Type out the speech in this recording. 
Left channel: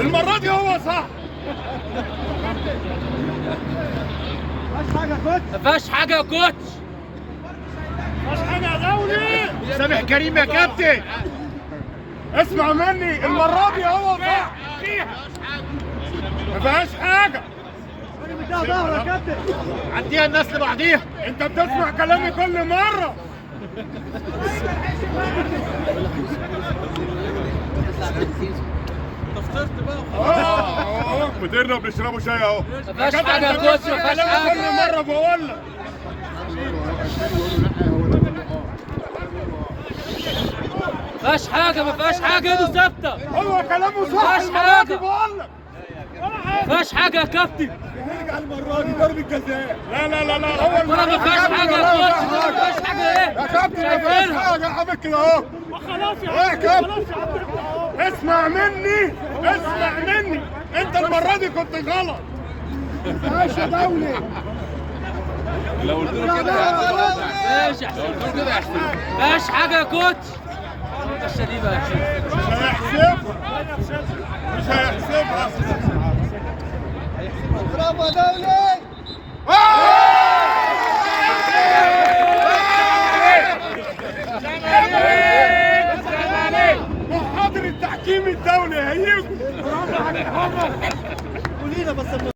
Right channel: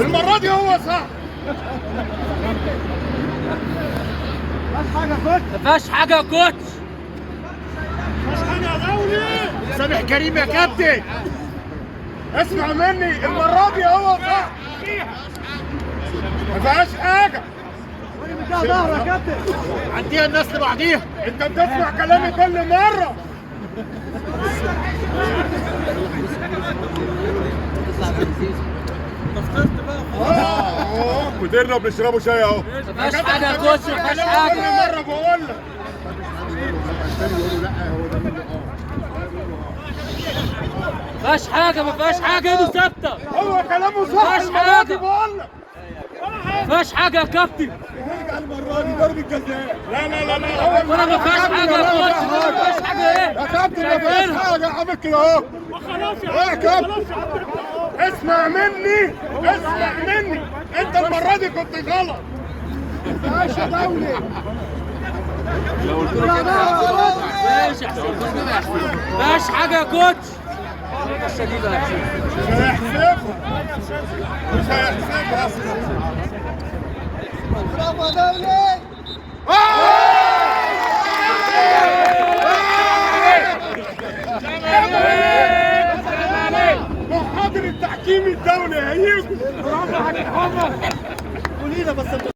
المرة دي هو صح. مفيهاش حاجة يا كوتش. مش حاجة يا دولي. سامح كريم يا كابتن. اسمع مني، المرة دي هو صح. ما فيهاش حاجة. ظهر يا كابتن. عديها الناس لبعضيها. انت بتسمع كلامي كل مرة. فطرت بقى. مديرنا بنشربوا شاي اهو. مفيهاش حاجة يا كوتش، مفيهاش كلامي حاجة. كل مرة بقول لك. مفيهاش حاجة، مفيهاش حاجة، ايده ثابتة. هو كلامه صح. مفيهاش المرة دي حاجة. بقول لك. مفيهاش حاجة يا كابتن. نرجع المرة دي ضربة جزاء. لا لا لا لا. أول ولا مرة مفيهاش حاجة يا كوتش، مفيهاش حاجة ايه؟ يا كابتن ما فيهاش حاجة يا عم كده اهو. خلاص يا عم. خلاص يا عم. اسمع مني، اسمع مني. انت المرة دي كنت غلط. ماشي يا دولي. ماشي يا حسين. مفيهاش حاجة يا كوتش. مش هيحسبها. مش هيحسبها. برافو يا دولي.